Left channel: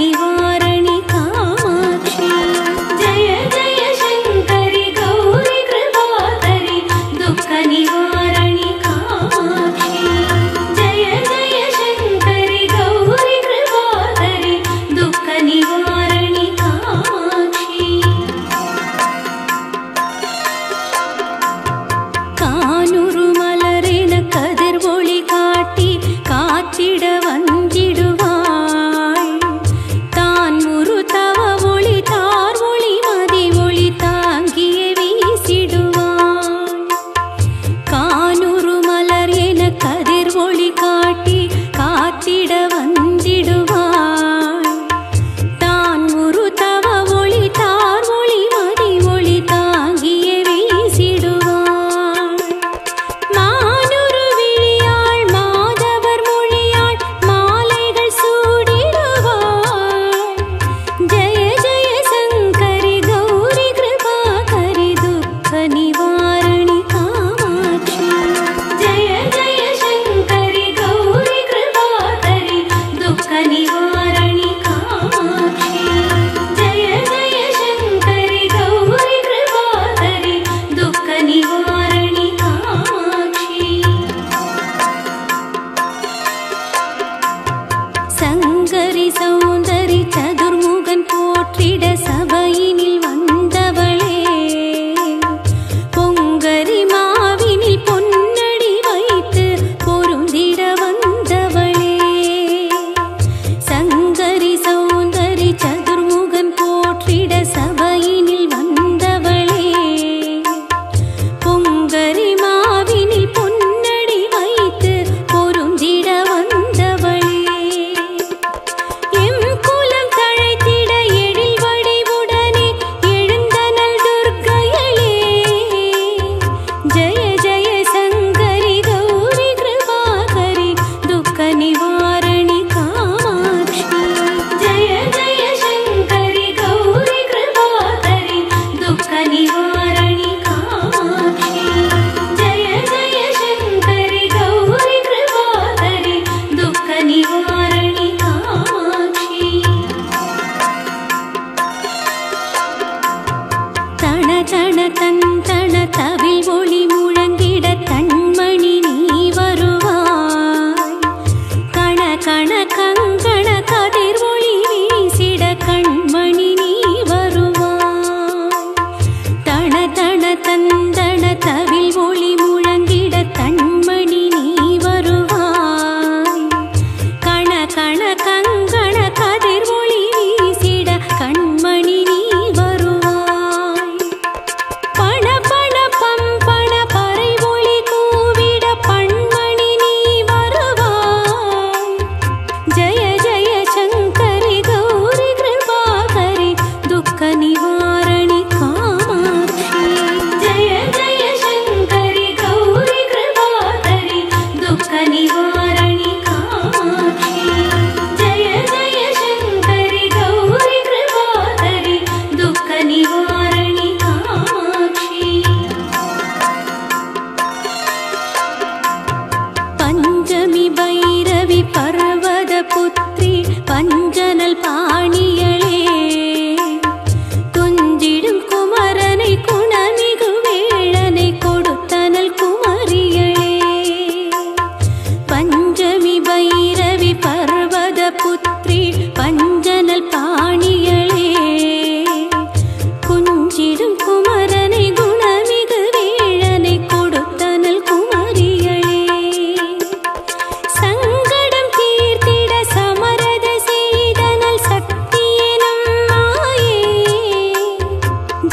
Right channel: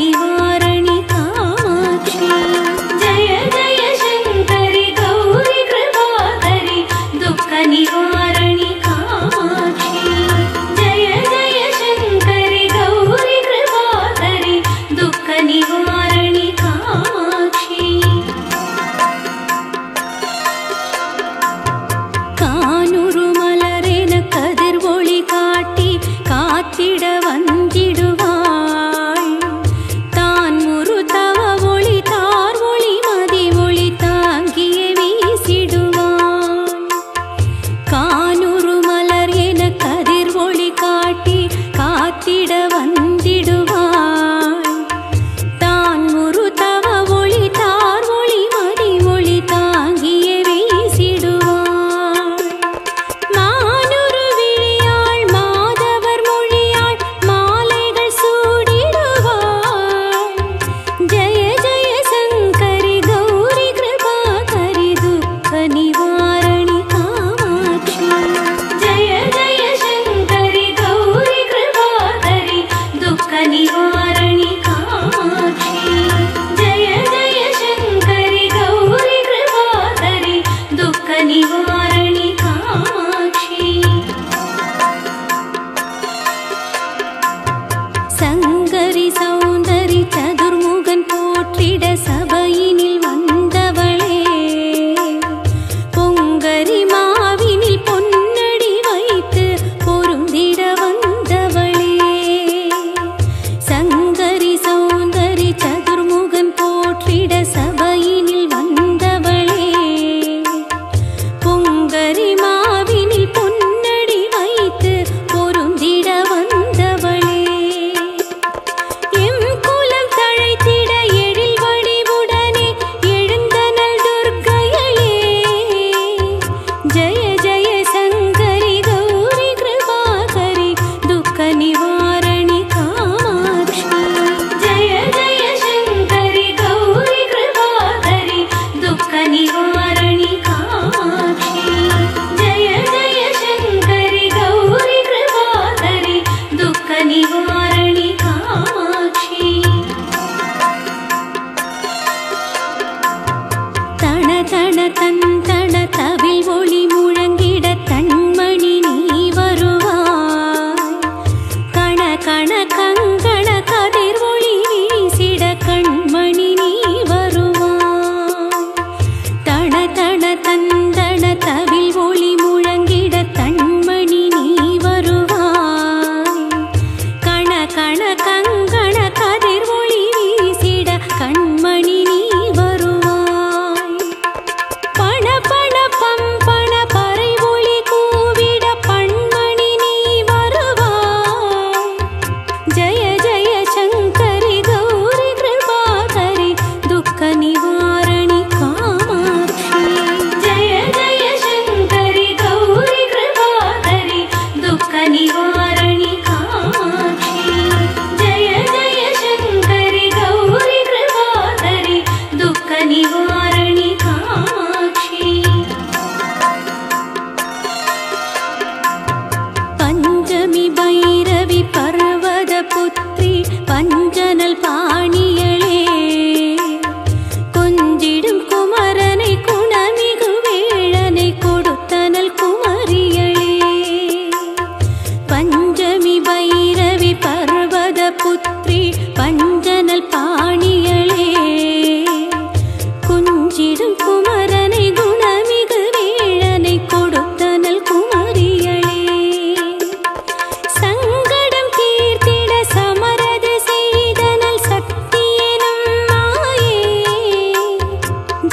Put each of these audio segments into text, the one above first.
निवारणि कामाक्षी जय जय शंकरि गौरी कृपाकरि दुःख निवारणि कामाक्षी जय जय शंकरि गौरी कृपाकरि दुःख निवारणि कामाक्षी कानूरु मलरेन कदिर ओळि काट्टि कात्तिड वंदिडुवाळ तान मुरुतव ओळि तार ओळि मदि ओळि तांगिये वीसिडुवाळ कानूरु मलरेन कदिर ओळि काट्टि कात्तिड वंदिडुवाळ तान मुरुतव ओळि तार ओळि मदि ओळि तांगिये वीसिडुवाळ निवारणि कामाक्षी जय जय शंकरि गौरी कृपाकरि दुःख निवारणि कामाक्षी जय जय शंकरि गौरी कृपाकरि दुःख निवारणि कामाक्षी संगरि सौंदरि चतुर्मुगन पोट्टिड सभैयिनिल वंदवळे பொங்கரி மாவினில் பொன்னடி வைத்து பொருந்திட வந்தவளே சங்கரி சௌந்தரி சதுர்முகன் போற்றிட சபையினில் வந்தவளே பொங்கரி மாவினில் பொன்னடி வைத்து பொருந்திட வந்தவளே எம் குலம் தழைத்திட எழில் வடிவுடனே எழுந்தனள் துர்க்கையளே जय जय शंकरि गौरी कृपाकरि दुःख निवारणि कामाक्षी जय जय शंकरि गौरी कृपाकरि दुःख निवारणि कामाक्षी जय जय शंकरि गौरी कृपाकरि दुःख निवारणि कामाक्षी तण तण तन तविल ओळि मुழங்கிட तन्मणि நீ வருவாய் கண கண கங்கண கதிர் ஒளி வீசிட கண்மணி நீ வருவாய் தண தண தந்தன தவில் ஒளி முழங்கிட தன்மணி நீ வருவாய் கண கண கங்கண கதிர் ஒளி வீசிட கண்மணி நீ வருவாய் பண பண பம்பண பறை ஒளி கூவிட பண்மணி நீ வருவாய் ஜய ஜய சங்கரி கௌரி கிருபாகரி துக்க நிவாரணி காமாட்சி जय जय शंकरि गौरी कृपाकरि दुःख निवारणि कामाक्षी जय जय शंकरि गौरी कृपाकरि दुःख निवारणि कामाक्षी पंचमी भैरवी पर्वत पुत्री पंजनल पाणियळे कुंजिडुम कुमरनै कुणमिगु वेळनै कोडुत्तनल कुमरियळे पंचमी भैरवी पर्वत पुत्री पंजनल पाणियळे कुंजिडुम कुमरनै गुणमिगु वेळनै कोडुत्तनल कुमरियळे சங்கடம் தீர்த்திட சமரத செய்தனல் சக்தியெனும் மாயே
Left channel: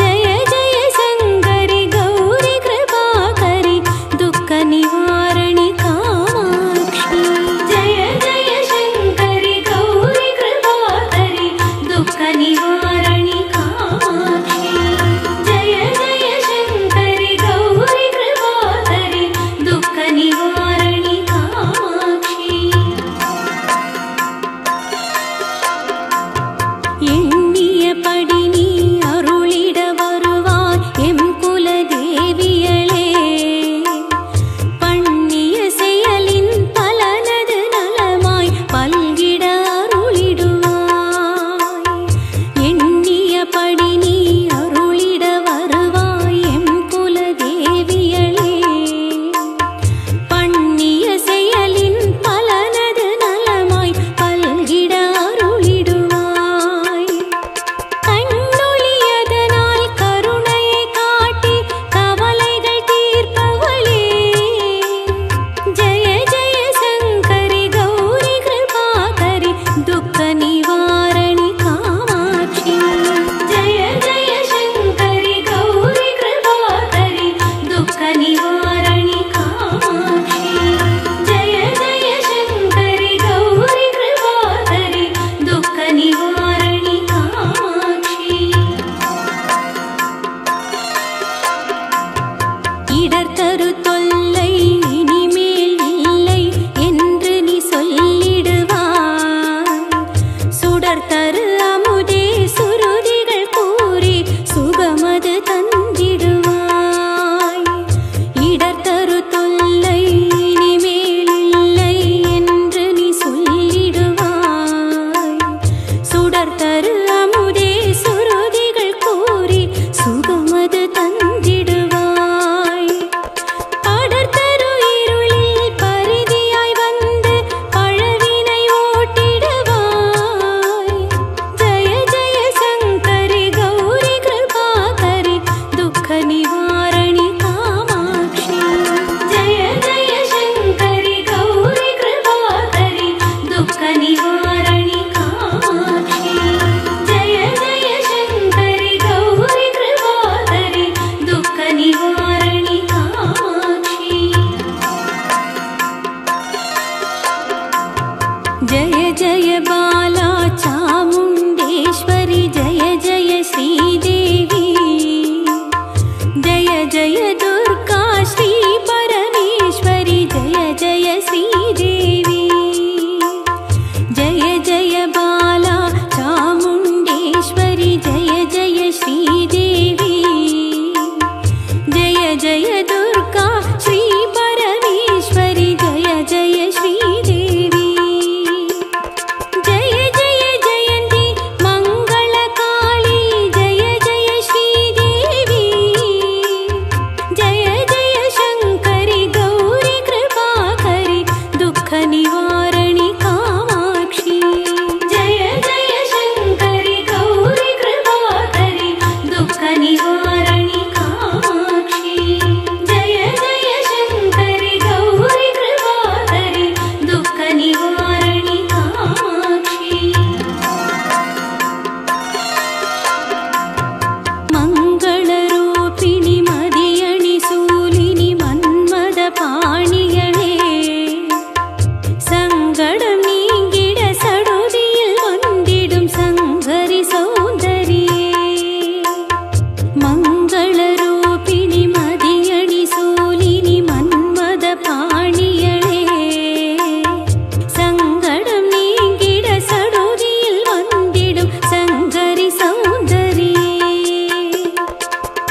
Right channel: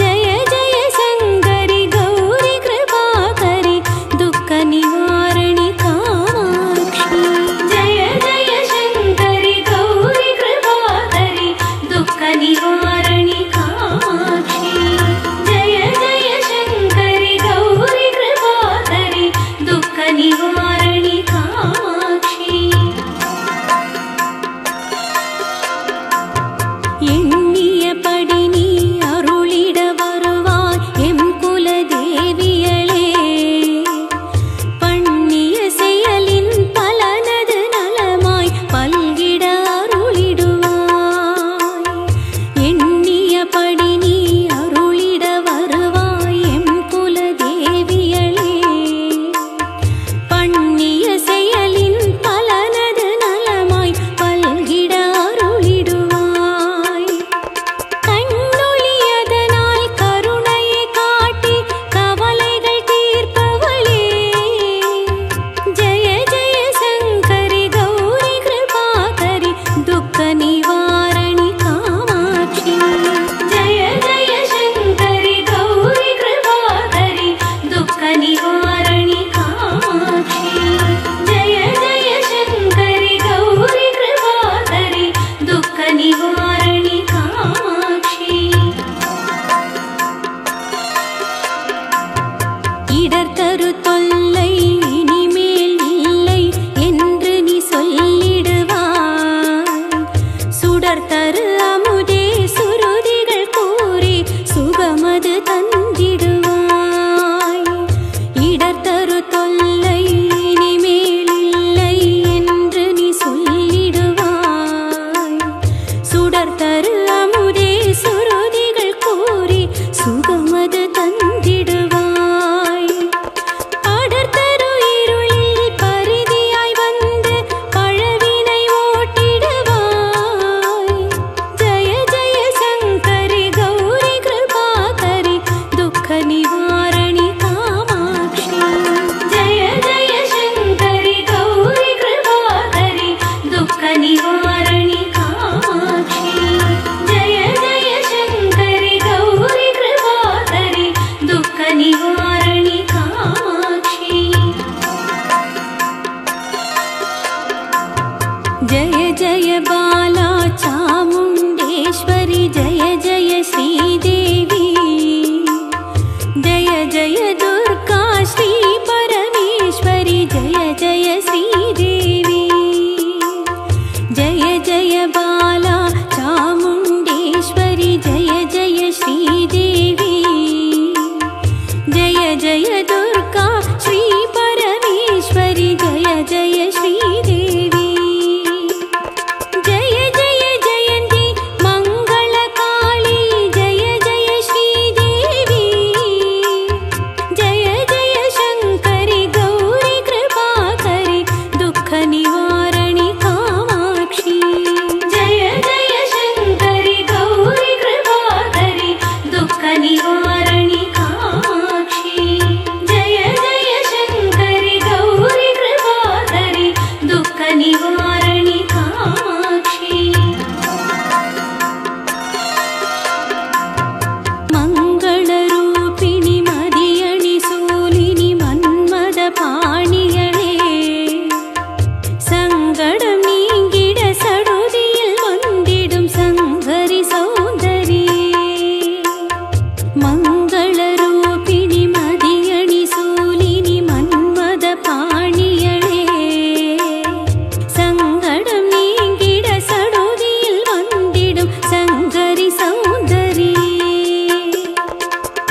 ஜய ஜய சங்கரி கௌரி கிருபாகரி துக்க நிவாரணி காமாட்சி जय जय शंकरि गौरी कृपाकरि दुःख निवारणि कामाक्षी जय जय शंकरि गौरी कृपाकरि दुःख निवारणि कामाक्षी எண்ணியபடி நீ அருளிட வருவாய் எம் குல தேவியளே பண்ணிய செய் निवारणि कामाक्षी जय जय शङ्करि गौरि कृपाकरि दुःख निवारणि कामाक्षी जय जय शङ्करि गौरि कृपाकरि दुःख निवारणि कामाक्षी இடர் தரு தொல்லை இனிமேல் இல்லை என்று நீ சொல்லிடுவாய் சுடர் தரு அமுதே சுருதிகள் கூறி சுகமது தந்திடுவாய் இடர் தரு தொல்லை இனிமேல் இல்லை என்று நீ சொல்லிடுவாய் சுடர் தரு அமுதே சுருதிகள் கூறி சுகமது தந்திடுவாய் படர்தரு இருளில் பரிதியாய் வந்து பழவினை ஓட்டிடுவாய் ஜய ஜய சங்கரி கௌரி கிருபாகரி துக்க நிவாரணி காமாட்சி जय जय शङ्करि गौरि कृपाकरि दुःख निवारणि कामाक्षी जय जय शङ्करि गौरि कृपाकरि दुःख निवारणि कामाक्षी जय जय बाला चामुण्डेश्वरि जय जय श्रीदेवी जय जय दुर्गा श्री परमेश्वरि जय जय श्रीदेवी जय जय बाला चामुण्डेश्वरि जय जय श्रीदेवी जय जय दुर्गा श्री परमेश्वरि जय जय श्रीदेवी जय जय जयन्ती मङ्गलकाली जय जय श्रीदेवी जय जय शङ्करि गौरि कृपाकरि दुःख निवारणि कामाक्षी जय जय शङ्करि गौरि कृपाकरि दुःख निवारणि कामाक्षी जय जय शङ्करि गौरि कृपाकरि दुःख निवारणि कामाक्षी मङ्गलरूपिणि मदियणि सूलिनि मन्मद पाणियळे சங்கடம் நீங்கிட சடுதியில் வந்திடும் சங்கரி சௌந்தரியே மங்களரூபிணி மதியணி சூலினி மன்மத பாணியளே சங்கடம் நீங்கிட சடுதியில் வந்திடும் சங்கரி சௌந்தரியே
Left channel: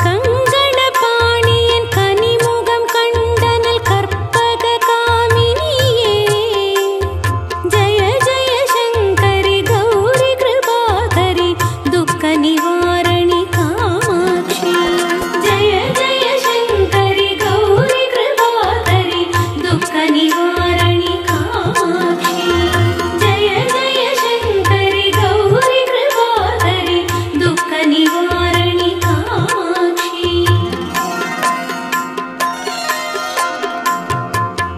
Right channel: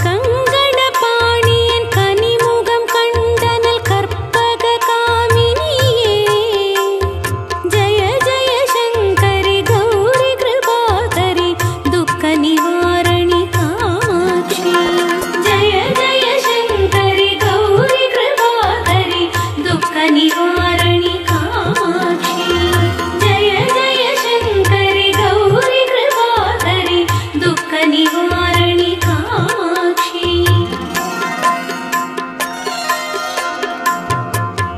கங்கண பாணியன் கனிமுகம் கண்டனல் கற்பக காமினியே जय जय शङ्करि गौरि कृपाकरि दुःख निवारणि कामाक्षी जय जय शङ्करि गौरि कृपाकरि दुःख निवारणि कामाक्षी जय जय शङ्करि गौरि कृपाकरि दुःख निवारणि कामाक्षी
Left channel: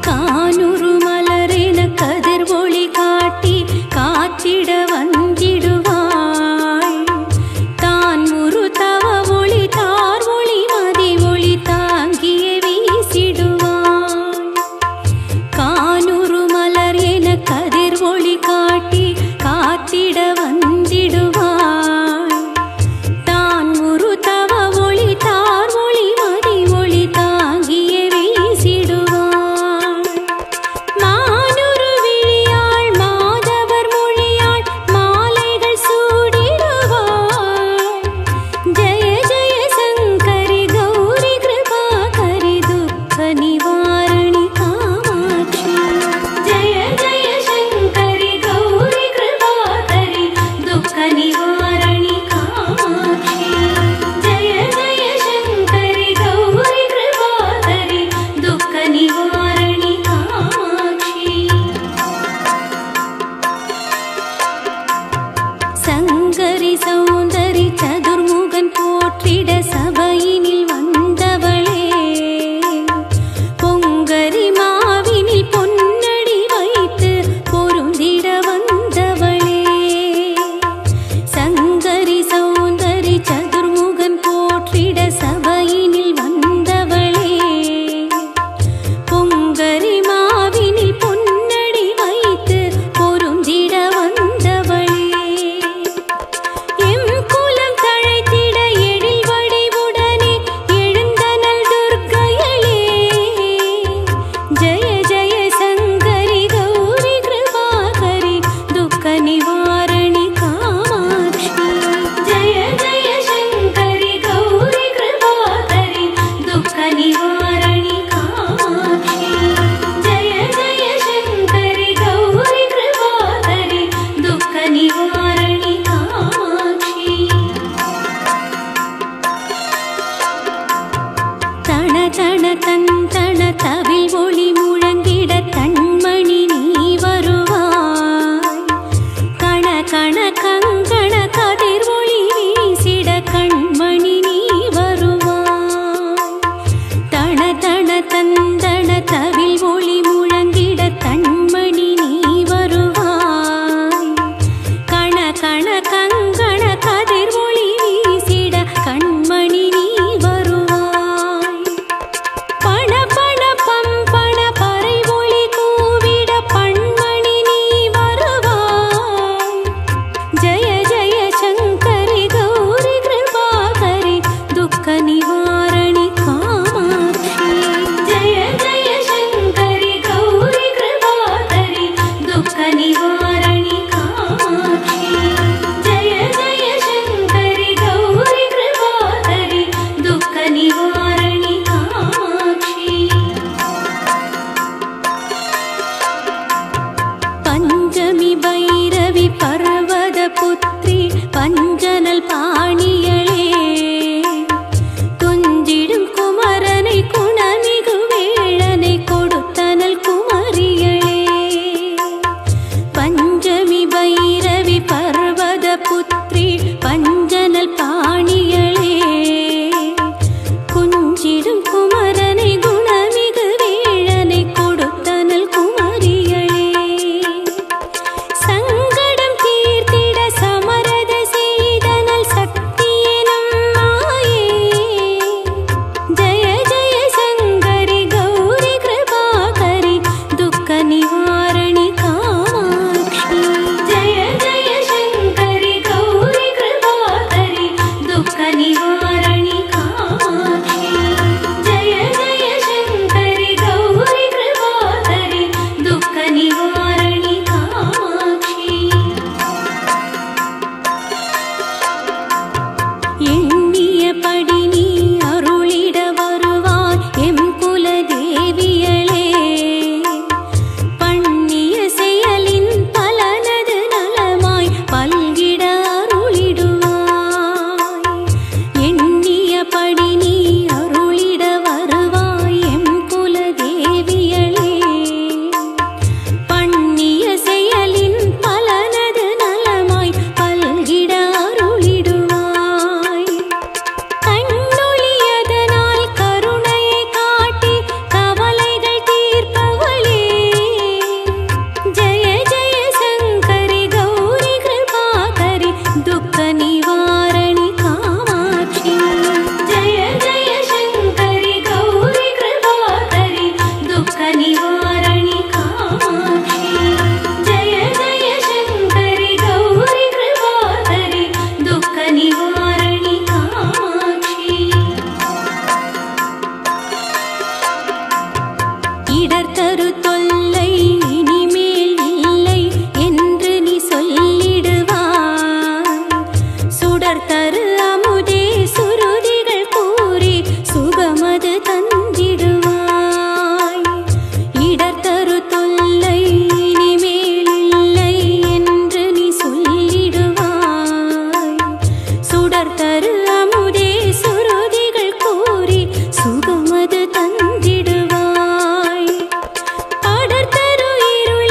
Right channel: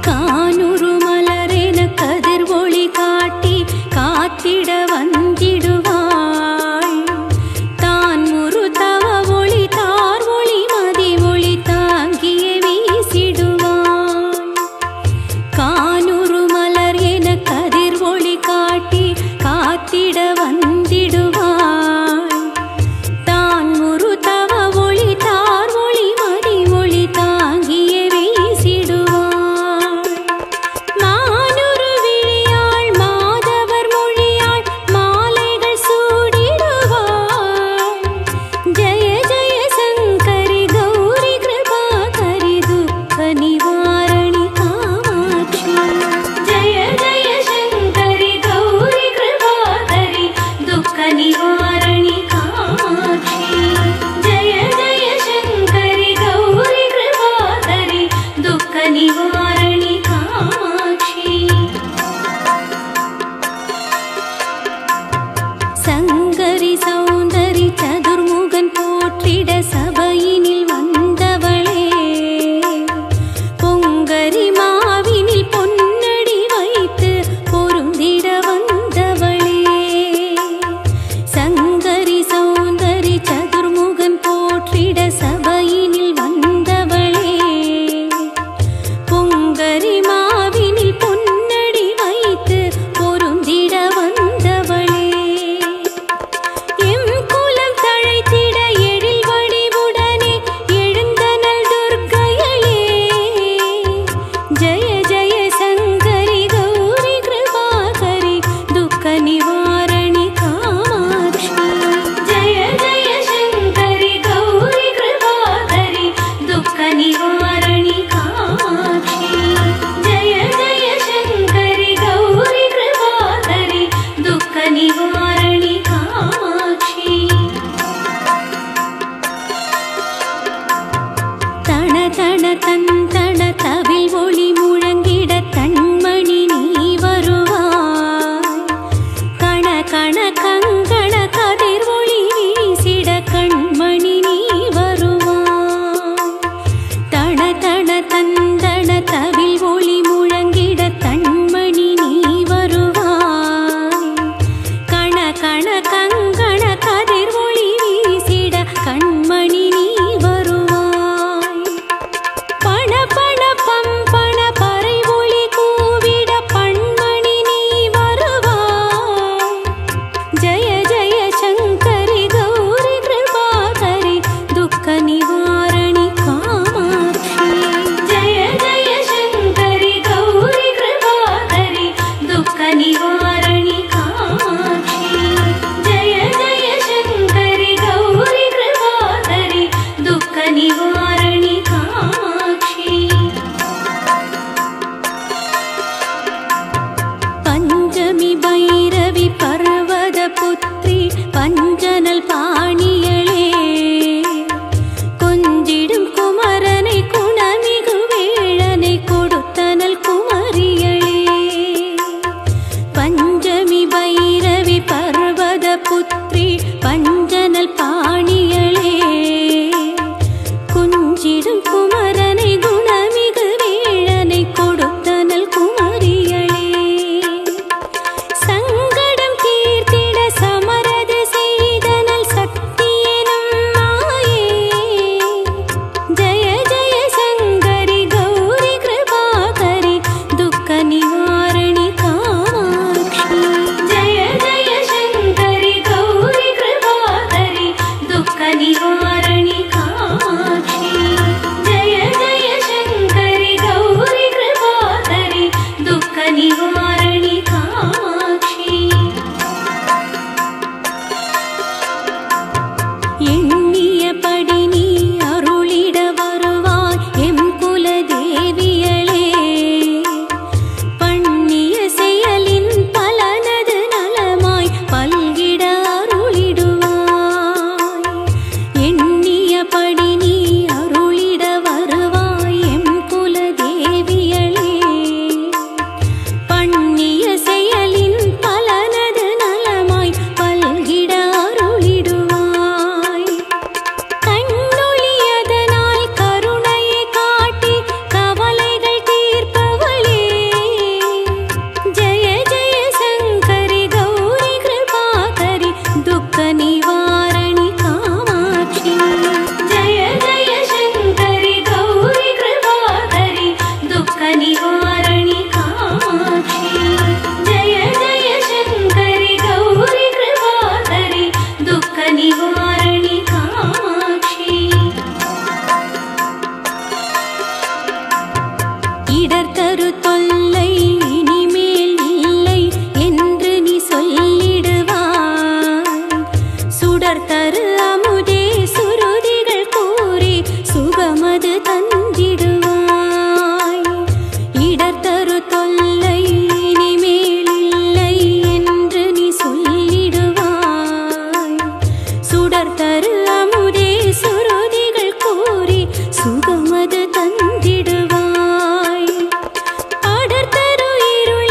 கானூரு மலரென கதிர் ஒளி காட்டி காத்திட வந்திடுவாள் தான் முரு தவ ஒளி தார் ஒளி மதி ஒளி தாங்கிய வீசிடுவாள் கானூரு மலர் என கதிர் ஒளி காட்டி காத்திட வந்திடுவாள் தான் முரு தவ ஒளி தார் ஒளி மதி ஒளி தாங்கிய வீசிடுவாள் மானுரு விழியாள் மாதவர் மொழியாள் மாலைகள் சூடிடுவாள் ஜய ஜய சங்கரி கௌரி கிருபாகரி துக்க நிவாரணி காமாட்சி जय जय शङ्करि गौरि कृपाकरि दुःख निवारणि कामाक्षी जय जय शङ्करि गौरि कृपाकरि दुःख निवारणि कामाक्षी சங்கரி சௌந்தரி சதுர்முகன் போற்றிட சபையினில் வந்தவளே பொங்கரி மாவினில் பொன்னடி வைத்து பொருந்திட வந்தவளே பொங்கரி மாவினில் பொன்னடி வைத்து பொருந்திட வந்தவளே, எம் குலம் தழைத்திட எழில் வடிவுடனே எழுந்தனள் துர்க்கையளே. ஜய ஜய சங்கரி கௌரி கிருபாகரி துக்க நிவாரணி காமாட்சி. ஜய ஜய சங்கரி கௌரி கிருபாகரி துக்க நிவாரணி காமாட்சி. ஜய ஜய சங்கரி கௌரி கிருபாகரி துக்க நிவாரணி காமாட்சி. தன தன தந்தன தவில் ஒளி முழங்கிட தன்மணி நீ வருவாய். கண கண கங்கண கதிர் ஒளி வீசிட கண்மணி நீ வருவாய். தன தன தந்தன தவில் ஒளி முழங்கிட தன்மணி நீ வருவாய். கண கண கங்கண கதிர் ஒளி வீசிட கண்மணி நீ வருவாய். பண பண பம்பண பறை ஒளி கூவிட பண்மணி நீ வருவாய். ஜய ஜய சங்கரி கௌரி கிருபாகரி துக்க நிவாரணி காமாட்சி. ஜய ஜய சங்கரி கௌரி கிருபாகரி துக்க நிவாரணி காமாட்சி. ஜய ஜய சங்கரி கௌரி கிருபாகரி துக்க நிவாரணி காமாட்சி. பஞ்சமி பைரவி பர்வத புத்ரி பஞ்சனல் பாணியளே, கொஞ்சிடும் குமரனை குணமிகு வேழனை கொடுத்தனல் குமரியளே. பஞ்சமி பைரவி பர்வத புத்ரி பஞ்சனல் பாணியளே, கொஞ்சிடும் குமரனை குணமிகு வேழனை கொடுத்தனல் குமரியளே. சங்கடம் தீர்த்திட சமரத செய்தனல் சக்தி எனும் மாயே. ஜய ஜய சங்கரி கௌரி கிருபாகரி துக்க நிவாரணி காமாட்சி. ஜய ஜய சங்கரி கௌரி கிருபாகரி துக்க நிவாரணி காமாட்சி. ஜய ஜய சங்கரி கௌரி கிருபாகரி துக்க நிவாரணி காமாட்சி. எண்ணியபடி நீ அருளிட வருவாய் எம் குலதேவியளே. பண்ணிய செயலின் பலனது நலமாய் பல்கிட அருளிடுவாய். எண்ணியபடி நீ அருளிட வருவாய் எம் குலதேவியளே. பண்ணிய செயலின் பலனது நலமாய் பல்கிட அருளிடுவாய். கண்ணொளியதனால் கருணையை காட்டி கவலைகள் தீர்ப்பவளே. ஜய ஜய சங்கரி கௌரி கிருபாகரி துக்க நிவாரணி காமாட்சி. ஜய ஜய சங்கரி கௌரி கிருபாகரி துக்க நிவாரணி காமாட்சி. ஜய ஜய சங்கரி கௌரி கிருபாகரி துக்க நிவாரணி காமாட்சி. இடர் தரு தொல்லை இனிமேல் இல்லை என்று நீ சொல்லிடுவாய். சுடர் தரு அமுதே சுருதிகள் கூறி சுகமது தந்திடுவாய். இடர் தரு தொல்லை இனிமேல் இல்லை என்று நீ சொல்லிடுவாய். சுடர் தரு அமுதே சுருதிகள் கூறி சுகமது தந்திடுவாய். படர் தரு இருள்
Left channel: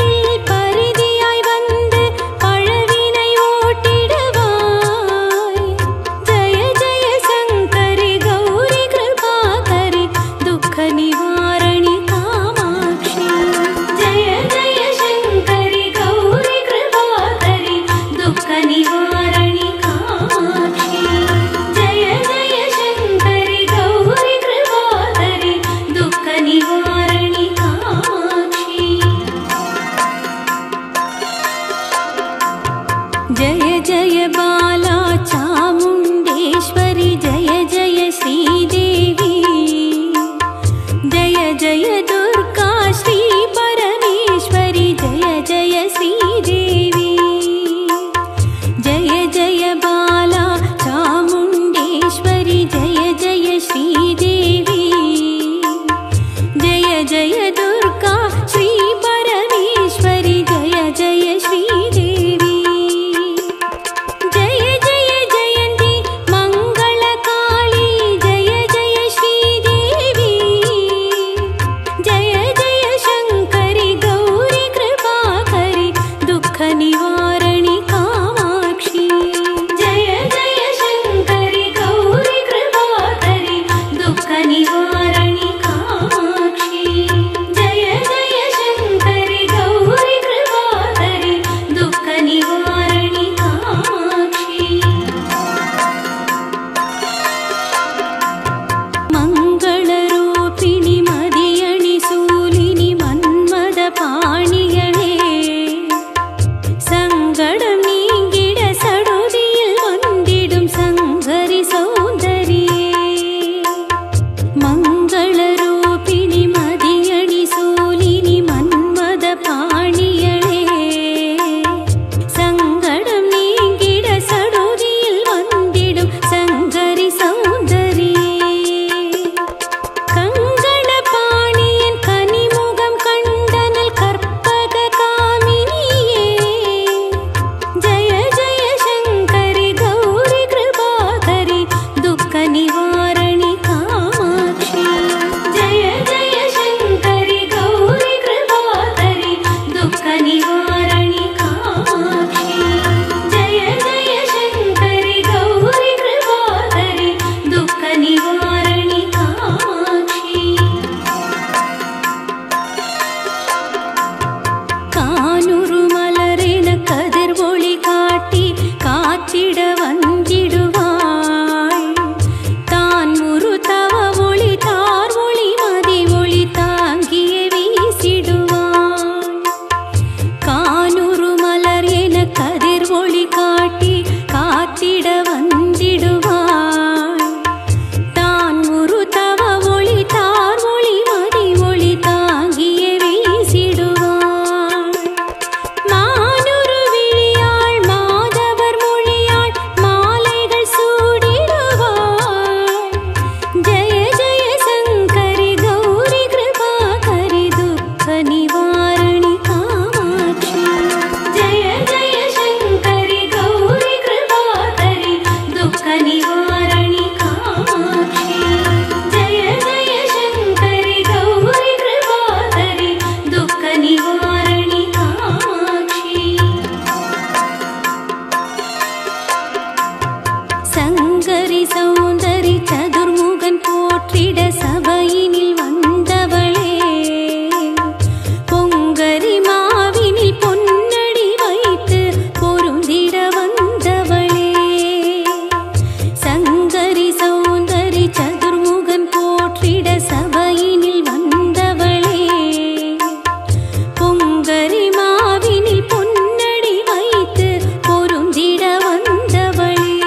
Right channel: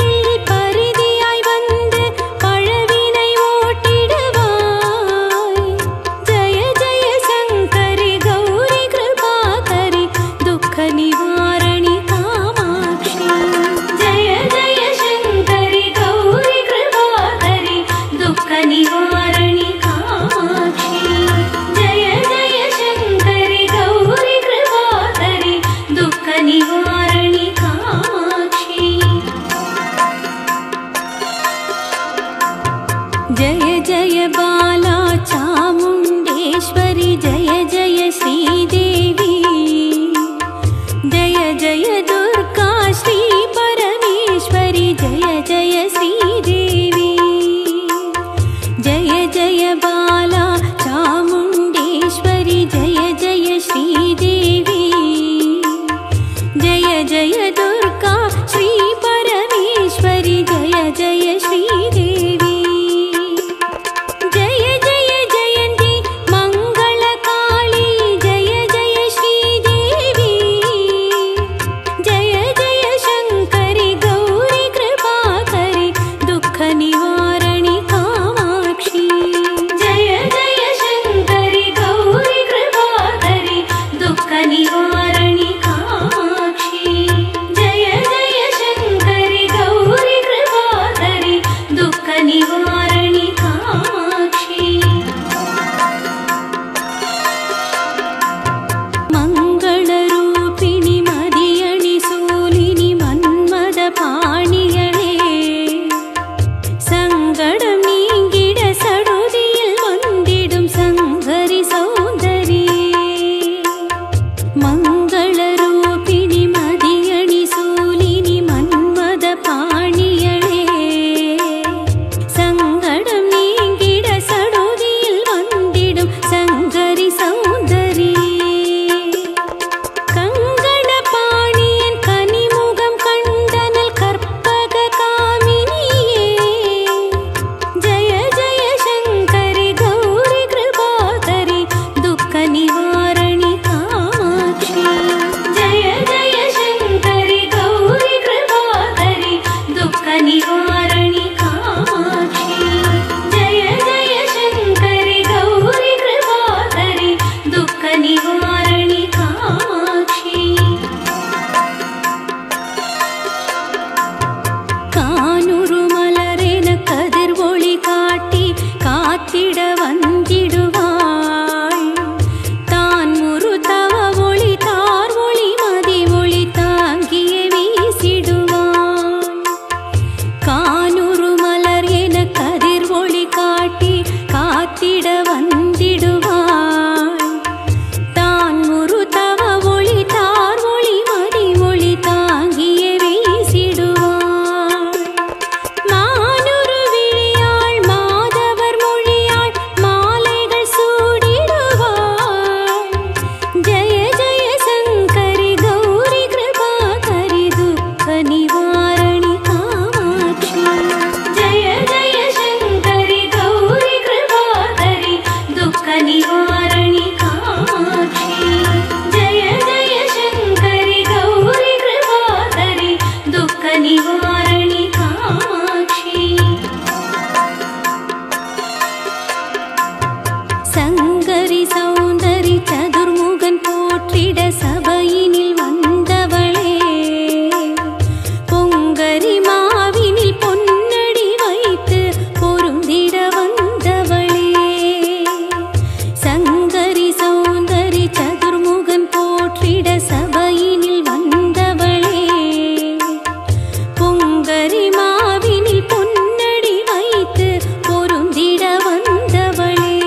जय जय बाला चामुण्डेश्वरी जय जय श्रीदेवी जय जय दुर्गा श्री परमेश्वरी जय जय श्रीदेवी जय जय बाला चामुण्डेश्वरी जय जय श्रीदेवी जय जय दुर्गा श्री परमेश्वरी जय जय श्रीदेवी जय जय जयन्ती मंगलकाली जय जय श्रीदेवी जय जय शंकरी गौरी कृपाकरी दुःख निवारणी कामाक्षी जय जय शंकरी गौरी कृपाकरी दुःख निवारणी कामाक्षी जय जय शंकरी गौरी कृपाकरी दुःख निवारणी कामाक्षी मंगलरूपिणी मदियणि सूलिनि मन्मद पाणियळे சங்கடம் நீங்கிட சடுதியில் வந்திடும் சங்கரி சௌந்தரியே மங்களரூபிணி மதியணி சூலினி மன்மத பாணியளே சங்கடம் நீங்கிட சடுதியில் வந்திடும் சங்கரி சௌந்தரியே கங்கண பாணியன் கனிமுகம் கண்டனல் கற்பக காமினியே जय जय शंकरी गौरी कृपाकरी दुःख निवारणी कामाक्षी जय जय शंकरी गौरी कृपाकरी दुःख निवारणी कामाक्षी जय जय शंकरी गौरी कृपाकरी दुःख निवारणी कामाक्षी கானூரு மலரென கதிர் ஒளி காட்டி காத்திட வந்திடுவாள் தான் ஒரு தவ ஒளி தார் ஒளி மதி ஒளி தாங்கிய வீசிடுவாள் கானூரு மலர் என கதிர் ஒளி காட்டி காத்திட வந்திடுவாள் தான் ஒரு தவ ஒளி தார் ஒளி மதி ஒளி தாங்கிய வீசிடுவாள் மானுரு விழியாள் மாதவர் மொழியாள் மாலைகள் சூடிடுவாள் ஜய ஜய சங்கரி கௌரி கிருபாகரி துக்க நிவாரணி காமாட்சி जय जय शंकरी गौरी कृपाकरी दुःख निवारणी कामाक्षी जय जय शंकरी गौरी कृपाकरी दुःख निवारणी कामाक्षी சங்கரி சௌந்தரி சதுர்முகன் போற்றிட சபையினில் வந்தவளே பொங்கரி மாவினில் பொன்னடி வைத்து பொருந்திட வந்தவளே சங்கரி சௌந்தரி சதுர்முகன் போற்றிட சபையினில் வந்தவளே பொங்கரி மாவினில் பொன்னடி வைத்து பொருந்திட வந்தவளே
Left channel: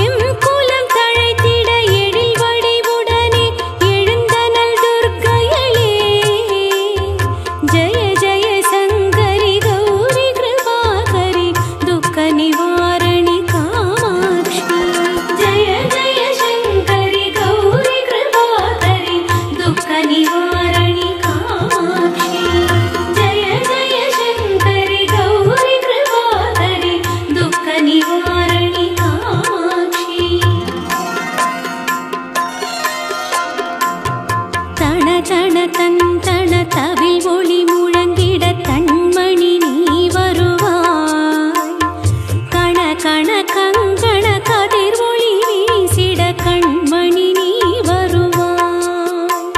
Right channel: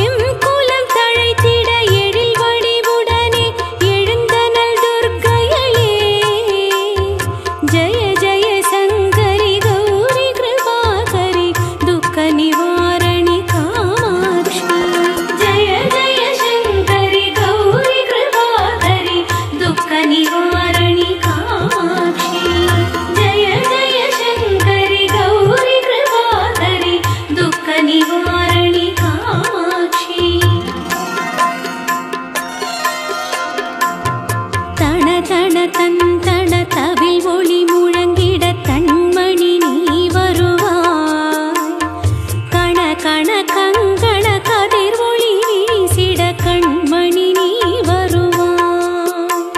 எம் குலம் தழைத்திட எழில் வடிவுடனே எழுந்தனள் துர்க்கையளே ஜய ஜய சங்கரி கௌரி கிருபாகரி துக்க நிவாரணி காமாட்சி जय जय शंकरी गौरी कृपाकरी दुःख निवारणी कामाक्षी जय जय शंकरी गौरी कृपाकरी दुःख निवारणी कामाक्षी தன தன தந்தன தவில் ஒளி முழங்கிட தன்மணி நீ வருவாய் கண கண கங்கண கதிர் ஒளி வீசிட கண்மணி நீ வருவாய்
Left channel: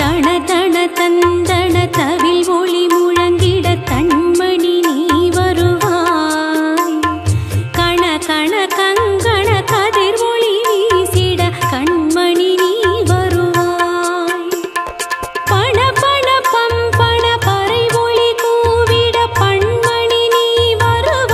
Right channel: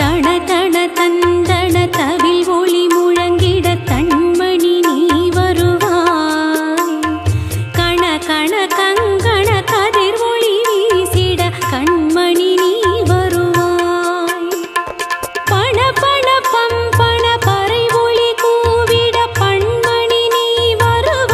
தன தன தந்தன தவில் ஒளி முழங்கிட தன்மணி நீ வருவாய் கண கண கங்கண கதிர் ஒளி வீசிட கண்மணி நீ வருவாய் பண பண பம்பண பறை ஒளி கூவிட பண்மணி நீ வருவாய்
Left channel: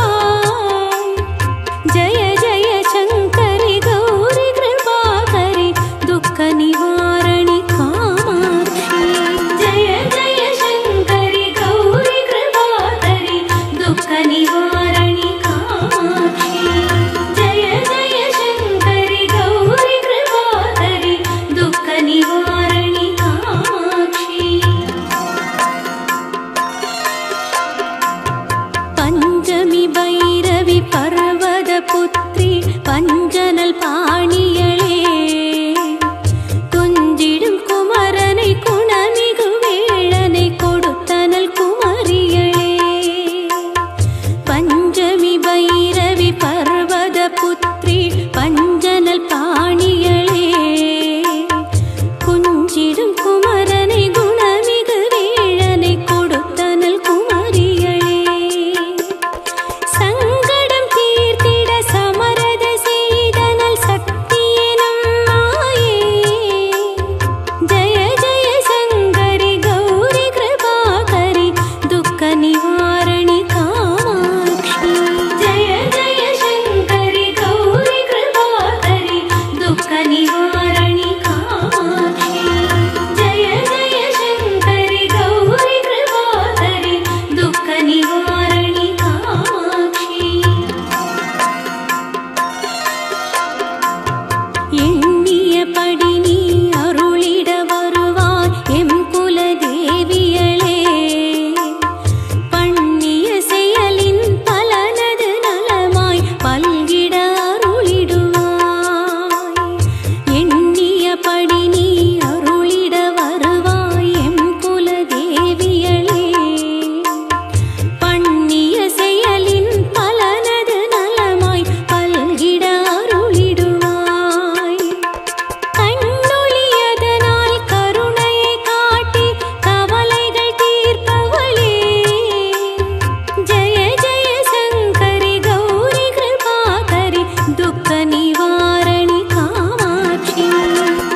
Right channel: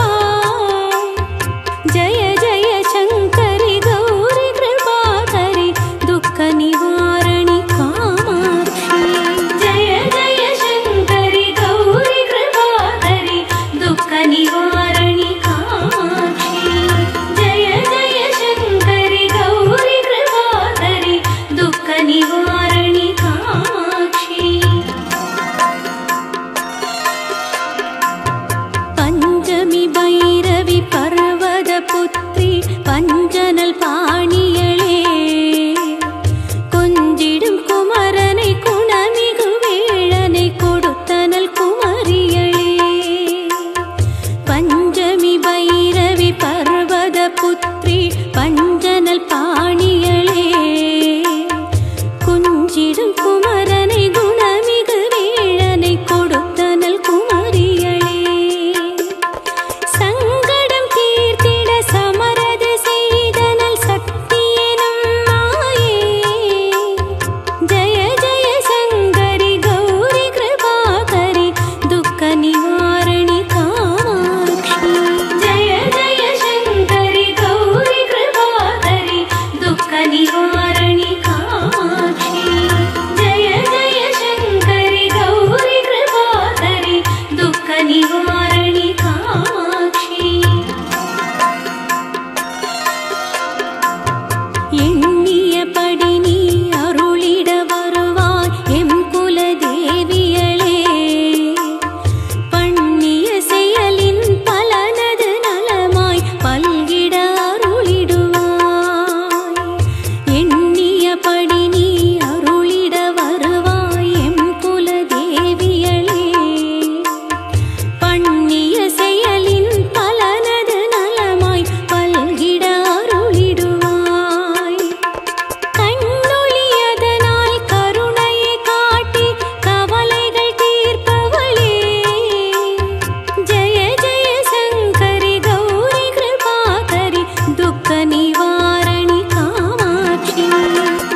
பைரவி பர்வத புத்ரி பஞ்சனல் பாணியளே கொஞ்சிடும் குமரனை குணமிகு வேளனை கொடுத்தனல் குமரியளே பஞ்சமி பைரவி பர்வத புத்ரி பஞ்சனல் பாணியளே குஞ்சிடும் குமரனை குணமிகு வேளனை கொடுத்தனல் குமரியளே சங்கடம் தீர்த்திட சமரத செய்தனல் சக்தி எனும் மாயே ஜய ஜய சங்கரி கௌரி கிருபாகரி துக்க நிவாரணி காமாட்சி ஜய ஜய சங்கரி கௌரி கிருபாகரி துக்க நிவாரணி காமாட்சி ஜய ஜய சங்கரி கௌரி கிருபாகரி துக்க நிவாரணி காமாட்சி எண்ணியபடி நீ அருளிட வருவாய் எம் குலதேவியளே பண்ணிய செயலின் பலனது நலமாய் பல்கிட அருளிடுவாய் எண்ணியபடி நீ அருளிட வருவாய் எம் குலதேவியளே பண்ணிய செயலின் பலனது நலமாய் பல்கிட அருளிடுவாய் கண்ணொளியதனால் கருணையை காட்டி கவலைகள் தீர்ப்பவளே ஜய ஜய சங்கரி கௌரி கிருபாகரி துக்க நிவாரணி காமாட்சி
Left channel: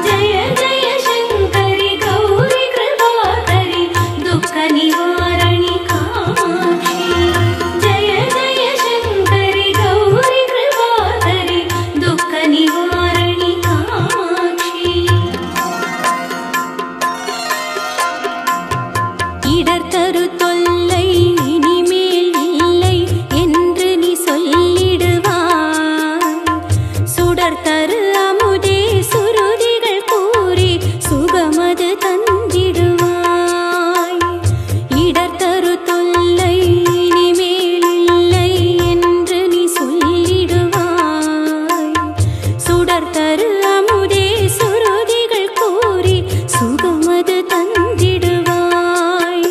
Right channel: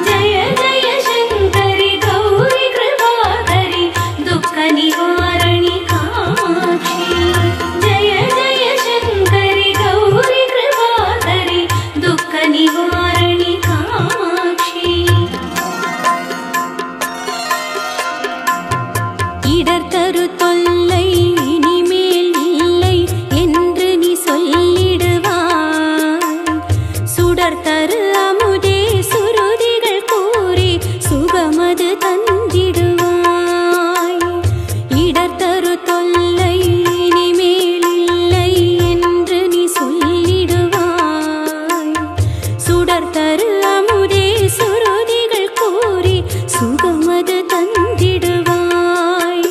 ஜய ஜய சங்கரி கௌரி கிருபாகரி துக்க நிவாரணி காமாட்சி ஜய ஜய சங்கரி கௌரி கிருபாகரி துக்க நிவாரணி காமாட்சி இடர் தரு தொல்லை இனிமேல் இல்லை என்று நீ சொல்லிடுவாய் சுடர் தரு அமுதே சுருதிகள் கூறி சுகமது தந்திடுவாய் இடர் தரு தொல்லை இனிமேல் இல்லை என்று நீ சொல்லிடுவாய் சுடர் தரு அமுதே சுருதிகள் கூறி சுகமது தந்திடுவாய்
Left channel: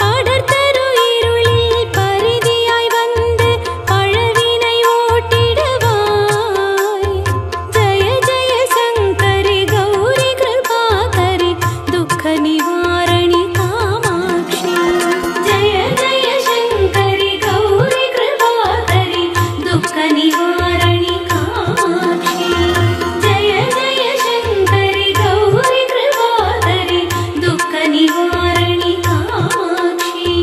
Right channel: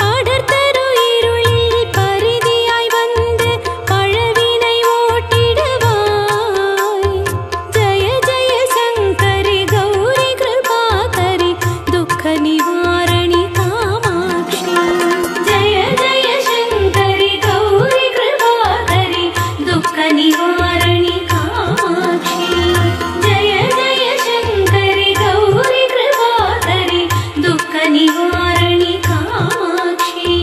படர் தரு இருளில் பரிதியாய் வந்து பழவினை ஓட்டிடுவாய் ஜய ஜய சங்கரி கௌரி கிருபாகரி துக்க நிவாரணி காமாட்சி ஜய ஜய சங்கரி கௌரி கிருபாகரி துக்க நிவாரணி காமாட்சி ஜய ஜய சங்கரி கௌரி கிருபாகரி துக்க நிவாரணி காமாட்சி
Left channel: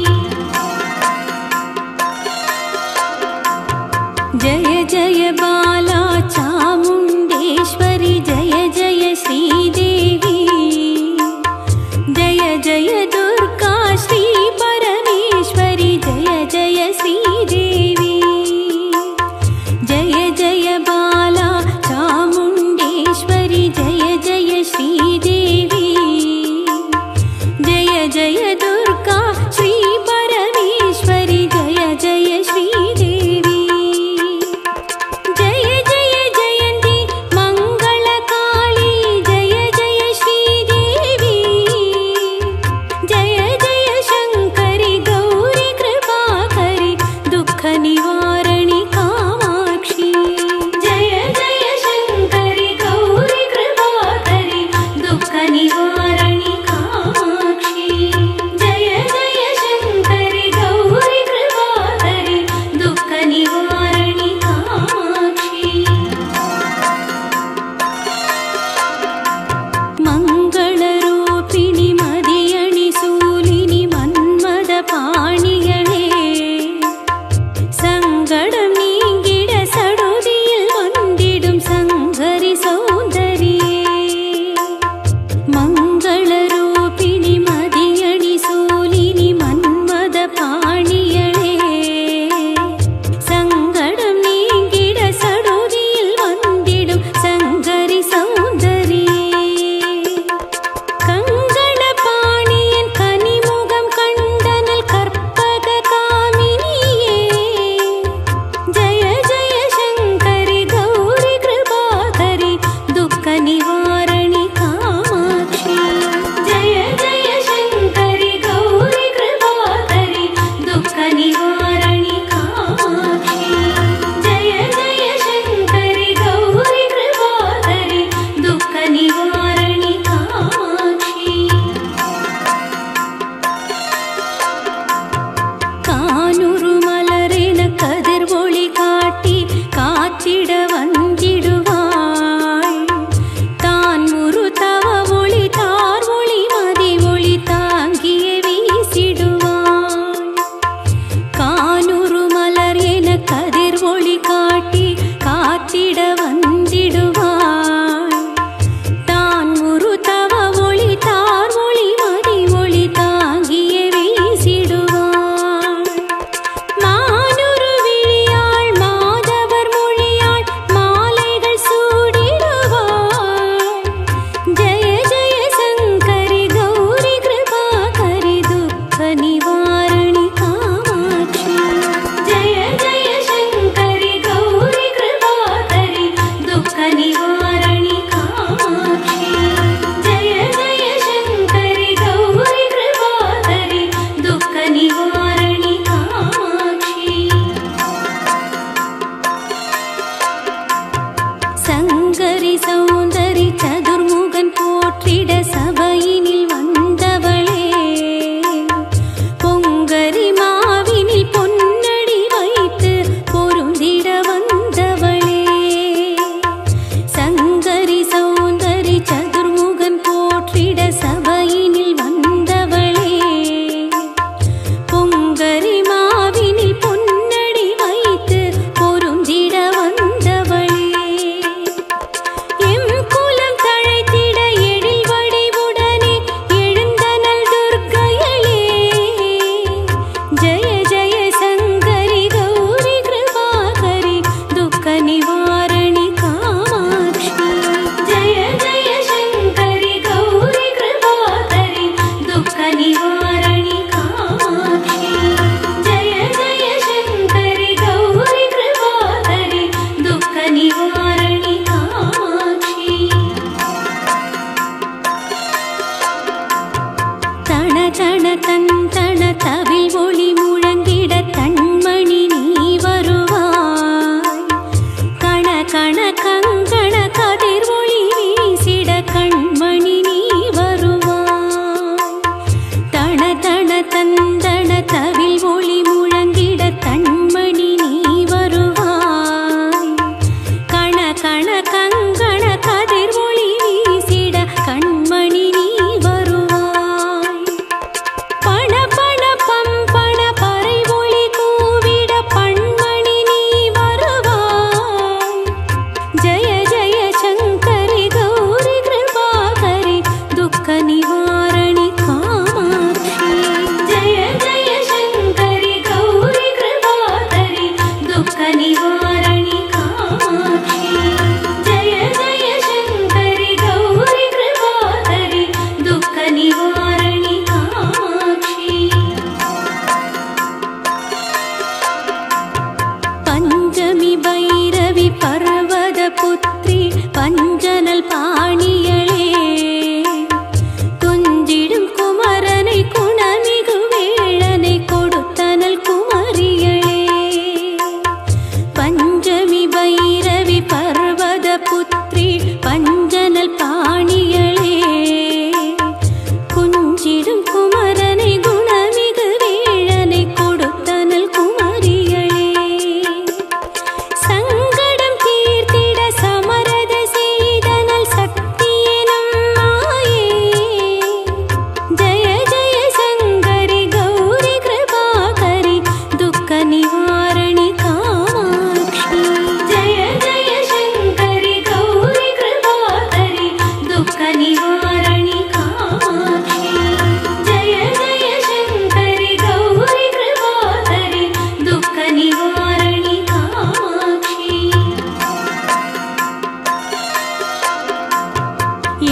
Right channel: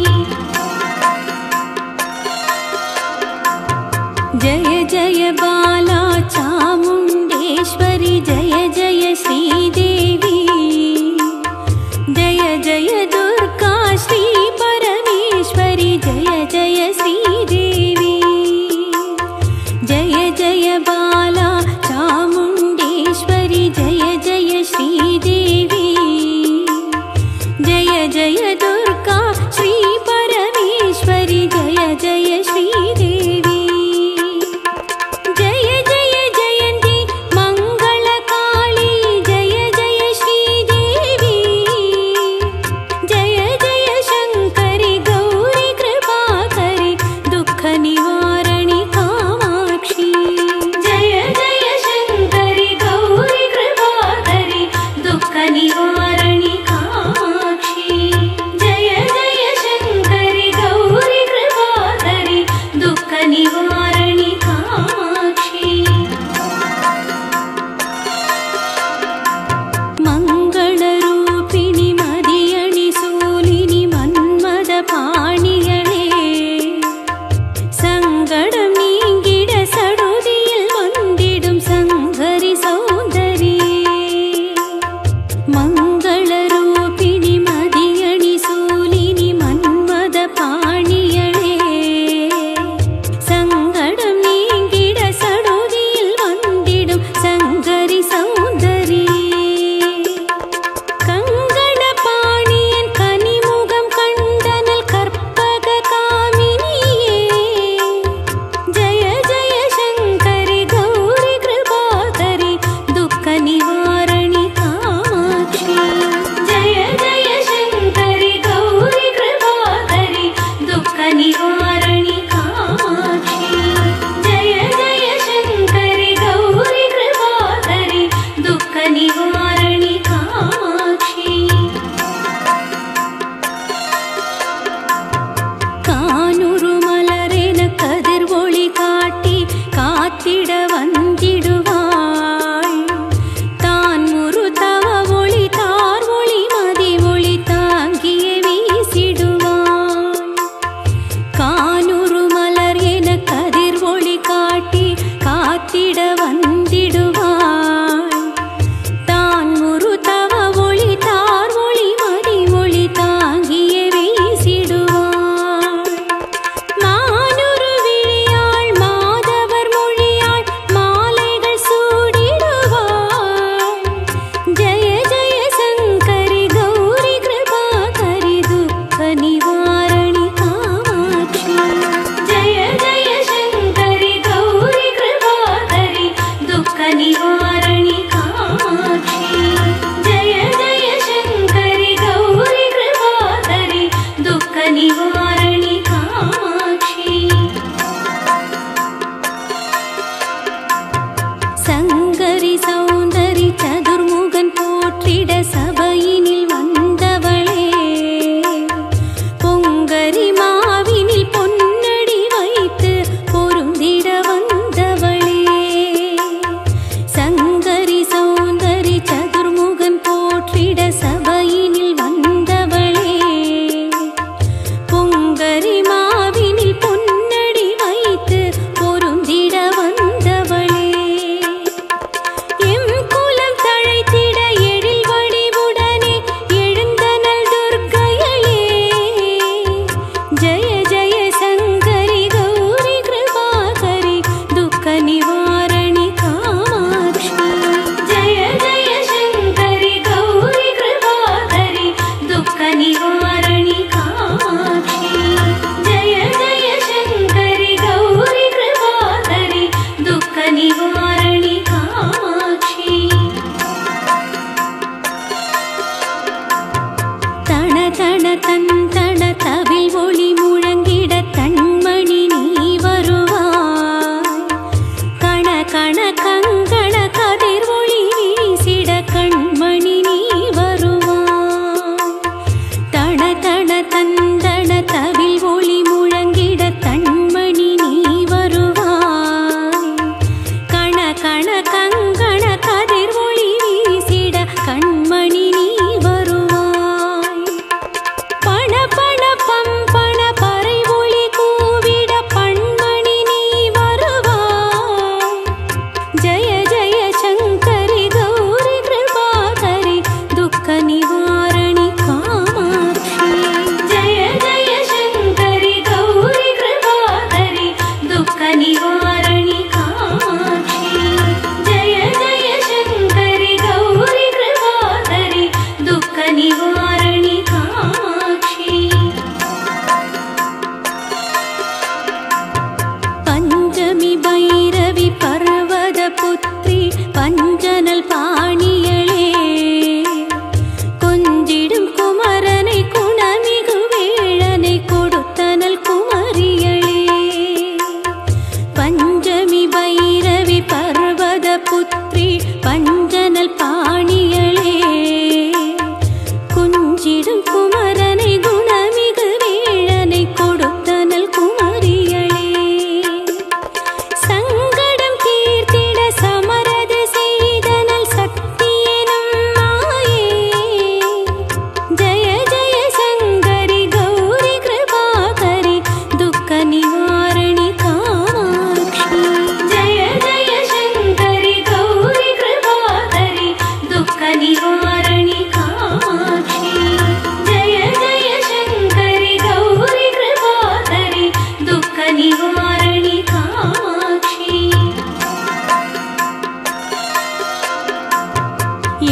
जय जय बाला चामुण्डेश्वरी जय जय श्रीदेवी जय जय दुर्गा श्री परमेश्वरी जय जय श्रीदेवी जय जय बाला चामुण्डेश्वरी जय जय श्रीदेवी जय जय दुर्गा श्री परमेश्वरी जय जय श्रीदेवी जय जय जयन्ती मङ्गलकाली जय जय श्रीदेवी जय जय शङ्करि गौरी कृपाकरि दुःख निवारणि कामाक्षी जय जय शङ्करि गौरी कृपाकरि दुःख निवारणि कामाक्षी जय जय शङ्करि गौरी कृपाकरि दुःख निवारणि कामाक्षी मङ्गलरूपिणि मदियणि सूलिनि मन्मद पाणियळे सङ्गडं नीङ्गिड सडुदियिल् वन्दिडुं सङ्गरि सौन्दरिये मङ्गलरूपिणि मदियणि सूलिनि मन्मद पाणियळे सङ्गडं नीङ्गिड सडुदियिल् वन्दिडुं सङ्गरि सौन्दरिये கங்கண பாணியன் கனிமுகம் கண்டனல் கற்பக கதிர் ஒளி காட்டி காத்திட வந்திடுவாள். தான் ஒரு தவ ஒளி தார் ஒளி மதி ஒளி தாங்கிய வீசிடுவாள். கானூறு மலர் என கதிர் ஒளி காட்டி காத்திட வந்திடுவாள். தான் ஒரு தவ ஒளி தார் ஒளி மதி ஒளி தாங்கிய வீசிடுவாள். மானுரு விழியாள் மாதவர் மொழியாள் மாலைகள் சூடிடுவாள். ஜய ஜய சங்கரி கௌரி கிருபாகரி துக்க நிவாரணி காமாட்சி. ஜய ஜய சங்கரி கௌரி கிருபாகரி துக்க நிவாரணி காமாட்சி. ஜய ஜய சங்கரி கௌரி கிருபாகரி துக்க நிவாரணி காமாட்சி. சங்கரி சௌந்தரி சதுர்முகன் போற்றிட சபையினில் வந்தவளே. பொங்கரி மாவினில் பொன்னடி வைத்து பொருந்திட வந்தவளே. சங்கரி சௌந்தரி சதுர்முகன் போற்றிட சபையினில் வந்தவளே. பொங்கரி மாவினில் பொன்னடி வைத்து பொருந்திட வந்தவளே. எம் குலம் தழைத்திட எழில் வடிவுடனே எழுந்தனள் துர்க்கையளே. ஜய ஜய சங்கரி கௌரி கிருபாகரி துக்க நிவாரணி காமாட்சி. ஜய ஜய சங்கரி கௌரி கிருபாகரி துக்க நிவாரணி காமாட்சி. ஜய ஜய சங்கரி கௌரி கிருபாகரி துக்க நிவாரணி காமாட்சி. தன தன தந்தன தவில் ஒளி முழங்கிட தன்மணி நீ வருவாய். கண கண கங்கண கதிர் ஒளி வீசிட கண்மணி நீ வருவாய். தன தன தந்தன தவில் ஒளி முழங்கிட தன்மணி நீ வருவாய். கண கண கங்கண கதிர் ஒளி வீசிட கண்மணி நீ வருவாய். பண பண பம்பண பறை ஒளி கூவிட பண்மணி நீ வருவாய். ஜய ஜய சங்கரி கௌரி கிருபாகரி துக்க நிவாரணி காமாட்சி. ஜய ஜய சங்கரி கௌரி கிருபாகரி துக்க நிவாரணி காமாட்சி. ஜய ஜய சங்கரி கௌரி கிருபாகரி துக்க நிவாரணி காமாட்சி. பஞ்சமி பைரவி பர்வத புத்ரி பஞ்சனல் பாணியளே. கொஞ்சிடும் குமரனை குணமிகு வேளனை கொடுத்தனல் குமரியளே. பஞ்சமி பைரவி பர்வத புத்ரி பஞ்சனல் பாணியளே. குஞ்சிடும் குமரனை குணமிகு வேளனை கொடுத்தனல் குமரியளே. சங்கடம் தீர்த்திட சமரத செய்தனல் சக்தியெனும் மாயே. ஜய ஜய சங்கரி கௌரி கிருபாகரி துக்க நிவாரணி காமாட்சி. ஜய ஜய சங்கரி கௌரி கிருபாகரி துக்க நிவாரணி காமாட்சி. ஜய ஜய சங்கரி கௌரி கிருபாகரி துக்க நிவாரணி காமாட்சி.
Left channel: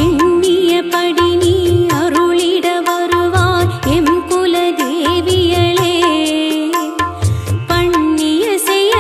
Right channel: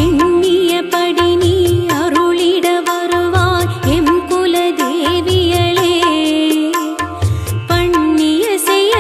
எண்ணியபடி நீ அருளிட வருவாய் எம் குல தேவியளே. பண்ணிய செய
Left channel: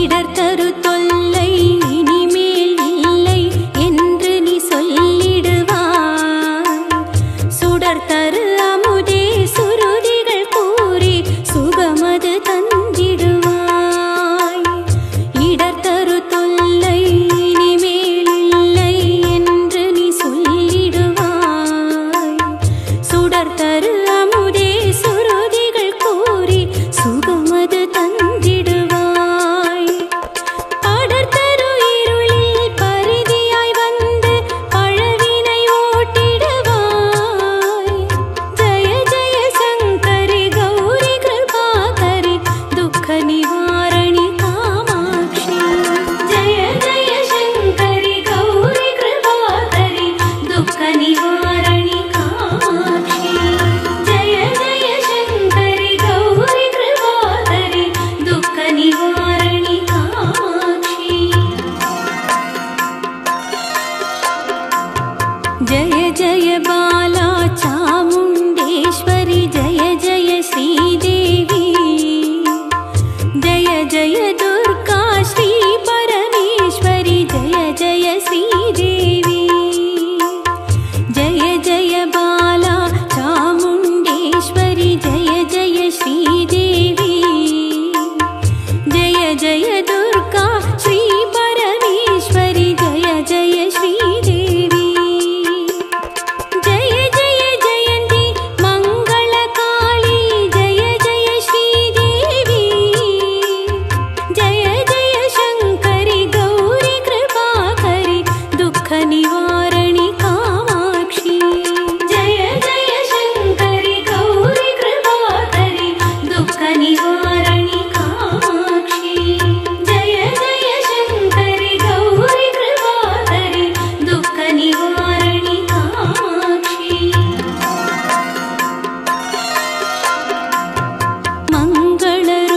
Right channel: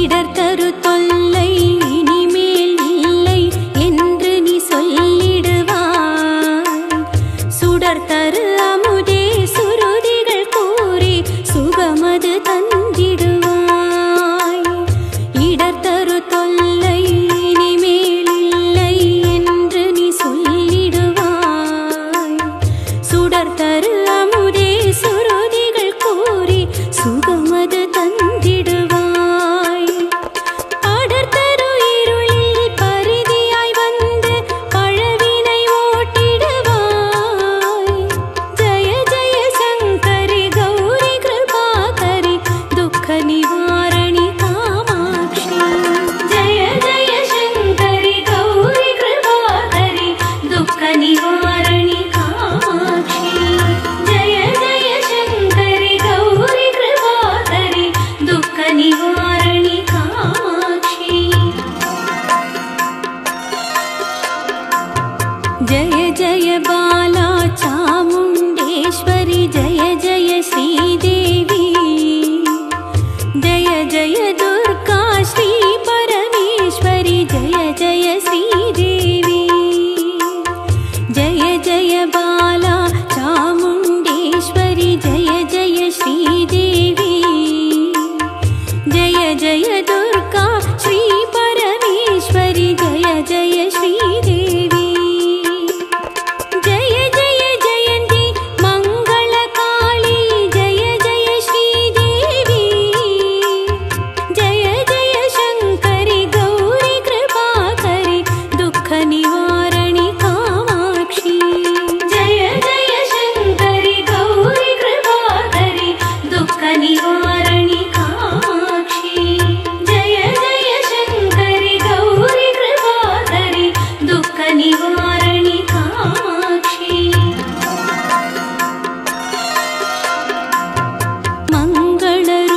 இடர் தரு தொல்லை இனிமேல் இல்லை என்று நீ சொல்லிடுவாய். சுடர் தரு அமுதே சுருதிகள் கூறி சுகமது தந்திடுவாய். இடர் தரு தொல்லை இனிமேல் இல்லை என்று நீ சொல்லிடுவாய். சுடர் தரு அமுதே சுருதிகள் கூறி சுகமது தந்திடுவாய். படர்தரு இருளில் பரிதியாய் வந்து பழவினை ஓட்டிடுவாய். ஜய ஜய சங்கரி கௌரி கிருபாகரி துக்க நிவாரணி காமாட்சி. ஜய ஜய சங்கரி கௌரி கிருபாகரி துக்க நிவாரணி காமாட்சி. ஜய ஜய சங்கரி கௌரி கிருபாகரி துக்க நிவாரணி காமாட்சி. जय जय बाला चामुण्डेश्वरी जय जय श्रीदेवी. जय जय दुर्गा श्री परमेश्वरी जय जय श्रीदेवी. जय जय बाला चामुण्डेश्वरी जय जय श्रीदेवी. जय जय दुर्गा श्री परमेश्वरी जय जय श्रीदेवी. जय जय जयन्ती मङ्गलकाली जय जय श्रीदेवी. जय जय शङ्करि गौरी कृपाकरि दुःख निवारणि कामाक्षी. जय जय शङ्करि गौरी कृपाकरि दुःख निवारणि